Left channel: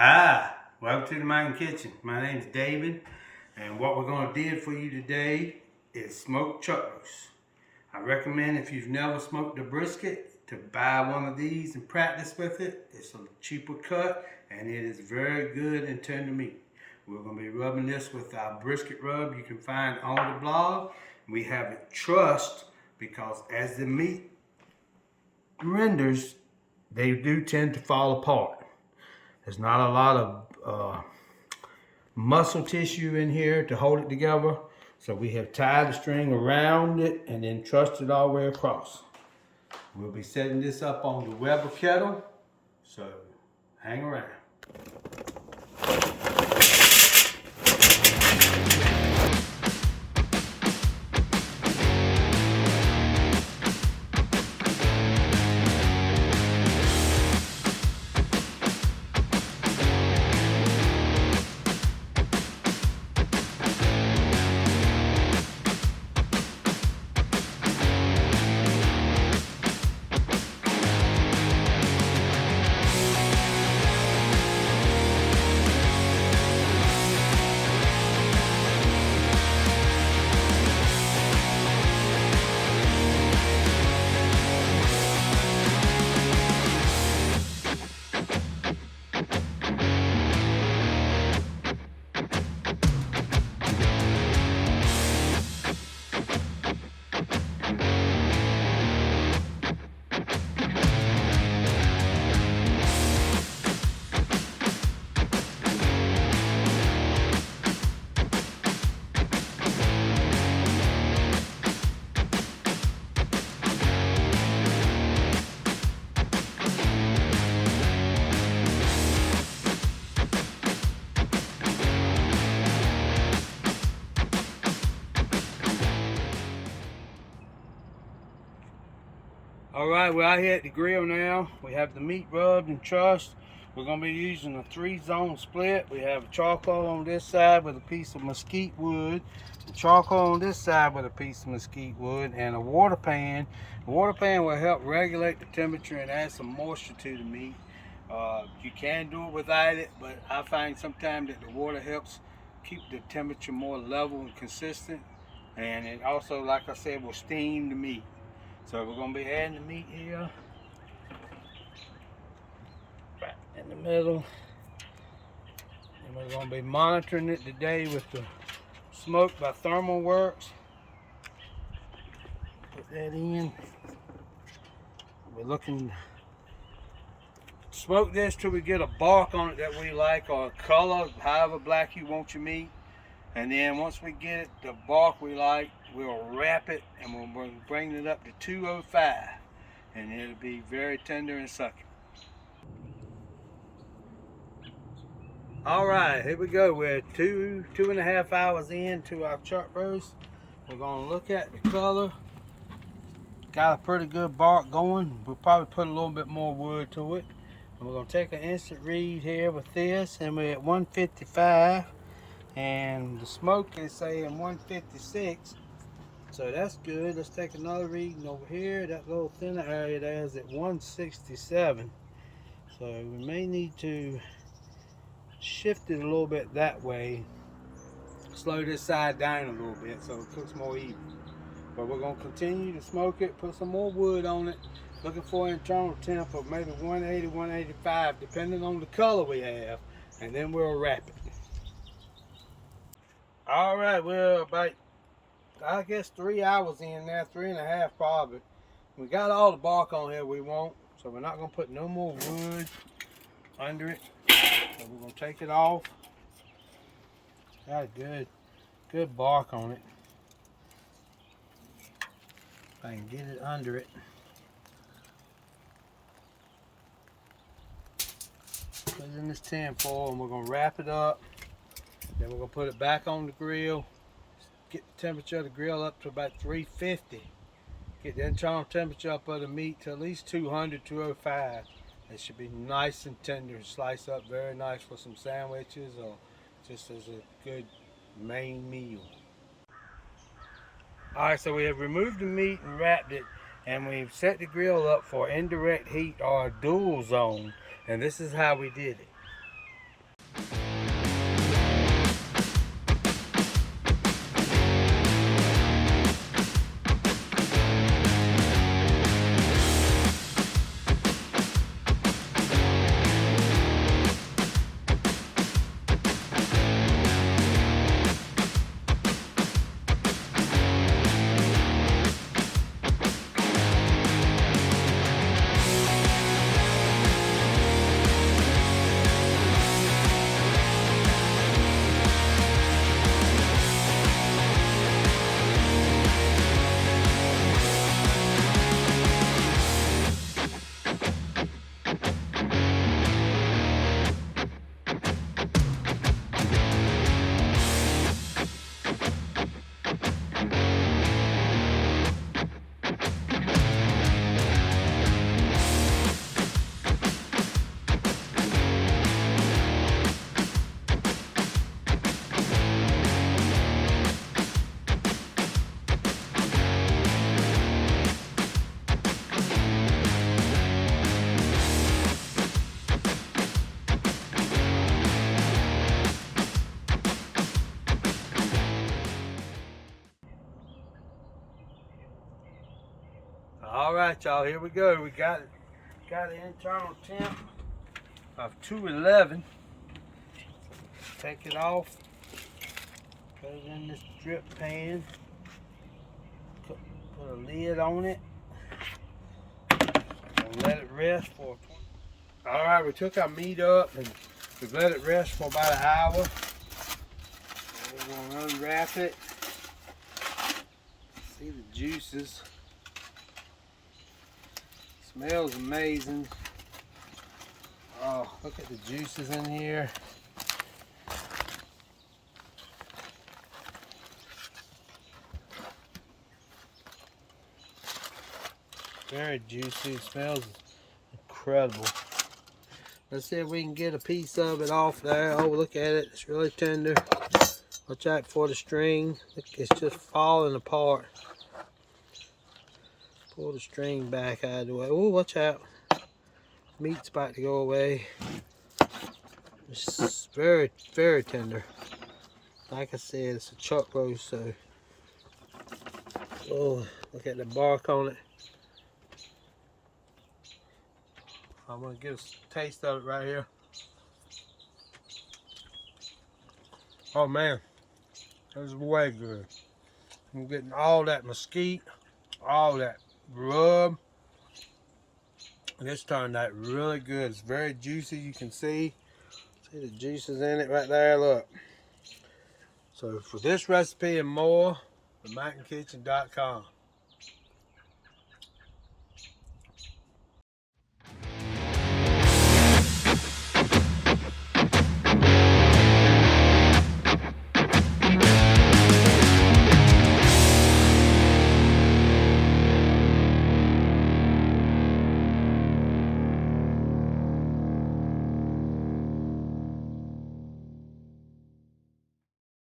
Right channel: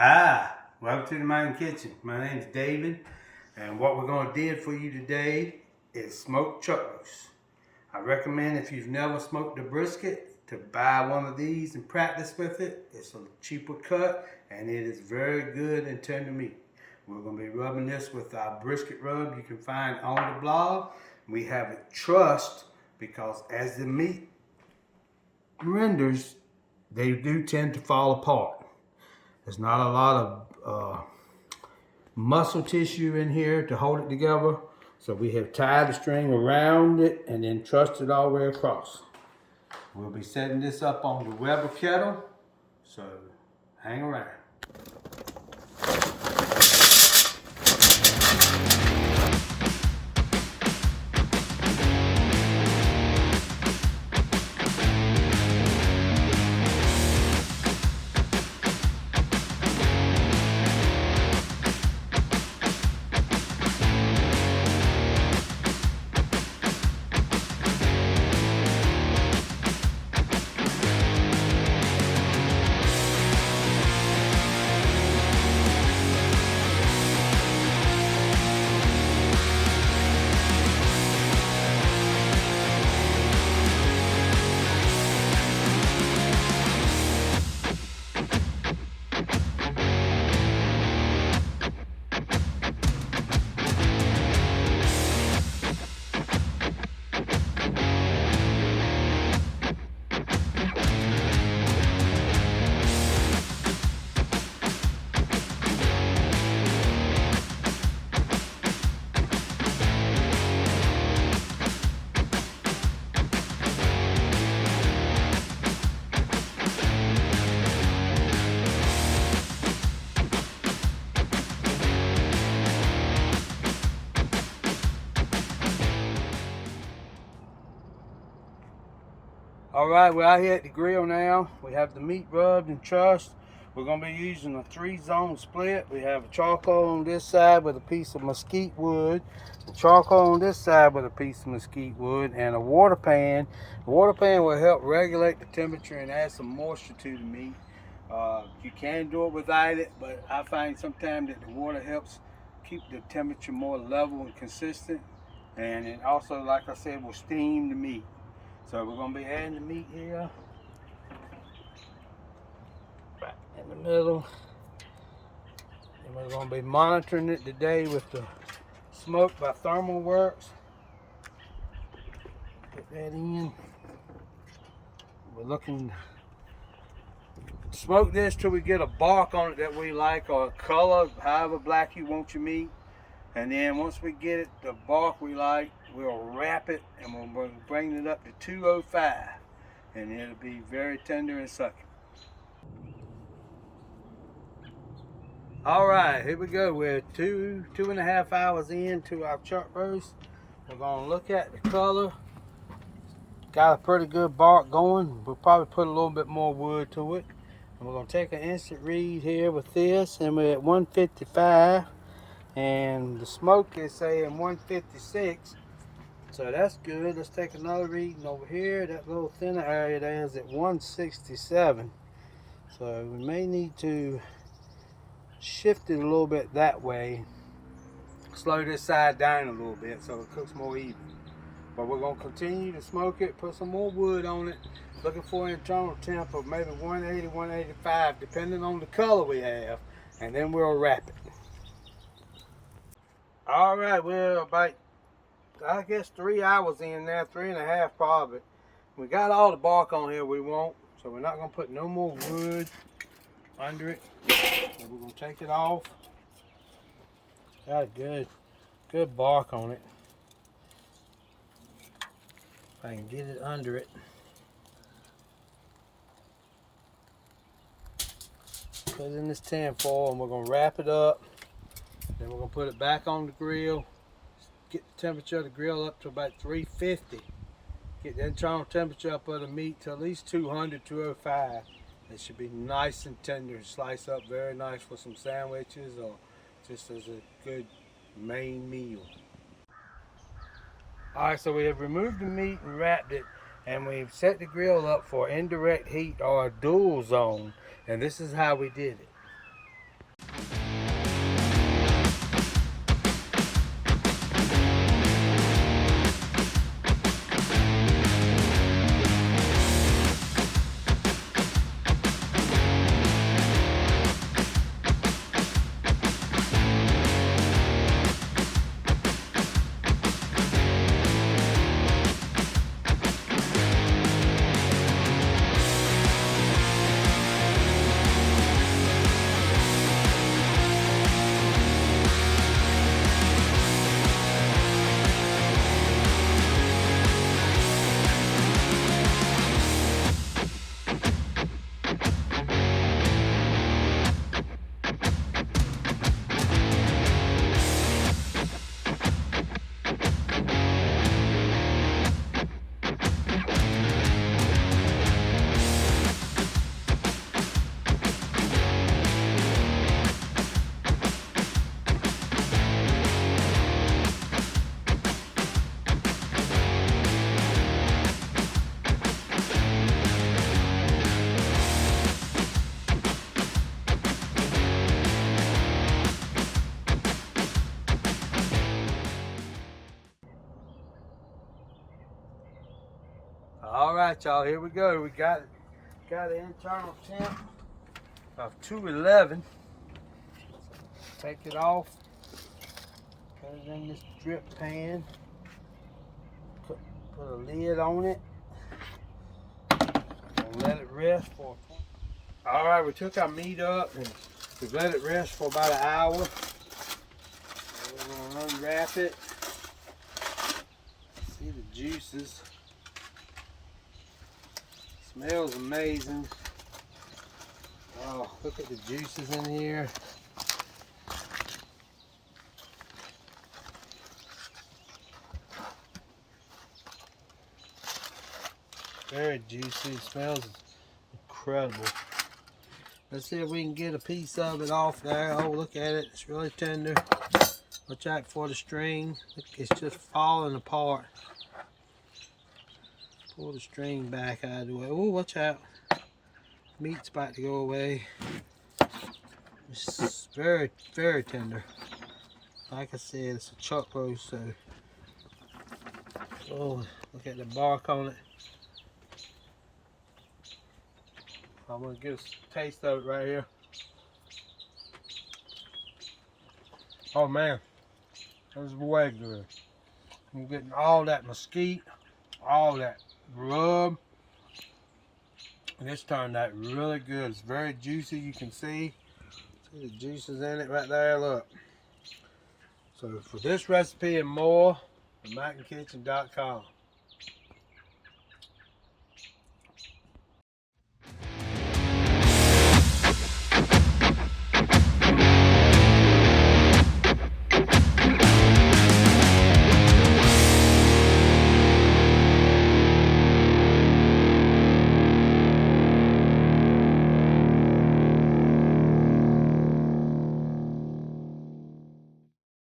Welcome to the Mountain Kitchen. My name's David, and what we're going to do for you today is smoked chuck roast. I recommend if you've never smoked a brisket to buy one of these and practice with it. It's a cheaper cut, and it is very good and tender meat. We're going to be rubbing this with our brisket rub you can find on the blog. We have it trussed because as the meat renders, they do tend to fall apart. There's not a lot of muscle tissue in here to hold it together. So we have tied the string around it and then trussed it all the way across. We'll be setting this up on the Weber kettle, so hang around. Alright, we're out here at the grill now. We have the meat rubbed and trussed. We're going to be using a 3-zone split. We have a charcoal on this side with a piece of mesquite wood, a charcoal on this side with a piece of mesquite wood, and a water pan. The water pan will help regulate the temperature and add some moisture to the meat. You can do it without it, but I find sometimes that the water helps keep the temperature more level and consistent. And it also, like I said, will steam the meat. So we're going to be adding the meat here, right in the middle, and we're going to be monitoring it today with the smoke by Thermal Works. Put that in. We're looking to smoke this till we get a bark on it that we like, or a color, however black you want your meat. And then once we get it, the bark we like, we'll wrap it and we'll bring it up to 205. And it'll be very tender and sucking. All right, here we go. We're two and a half hours into our chuck roast. We're gonna look at the color. Got a pretty good bark going. We'll probably put a little bit more wood to it. And we're gonna take an instant read here with this, and we're at 155. And the smoke is saying 156, so that's good. Let's take another reading over here. That little thinner area there is at 167, so we may need to shift it a little bit that way, slow this side down a little bit so it cooks more even. But we're going to continue to smoke it, put some more wood on it, looking for an internal temp of maybe 180, 185 depending on the color we have, and then we'll wrap it. All right, we're about, I guess, 3 hours in now, 3.5 probably. We got all the bark on here we want, so we're not gonna put no more wood under it. So we're gonna take it off. Got a good bark on it. If I can get it under it. Put it in this tin foil and we're gonna wrap it up. Then we're going to put it back on the grill, get the temperature of the grill up to about 350. Get the internal temperature up of the meat to at least 200, 205. It should be nice and tender and slice up very nice for some sandwiches or just as a good main meal. Alright, so we have removed the meat and wrapped it, and we've set the grill up for indirect heat or a dual zone, and this is how we did it. All right, y'all, here we go. We got the internal temp of 211. Take it off, put it in this drip pan, put a lid on it, and let it rest for 20. All right, we took our meat up and we've let it rest for about an hour. We're gonna unwrap it. See the juices. Smells amazing. Oh, look at the juices in here. Very juicy. It smells incredible. Let's see if we can get a piece of it off there. Oh, look at it. It's really tender. Watch out for the string. Look, it's just falling apart. Pull the string back out of the way. Oh, watch out. Meat's about to go away. It's very, very tender. Like I said, it's a chuck roast, so. Oh, look at the bark on it. I'm gonna get a taste of it right here. Oh man, this is way good. I'm getting all that mesquite, all that rub. This turned out really good. It's very juicy, you can see. See the juices in it right there, look. So for this recipe and more, theMountainKitchen.com.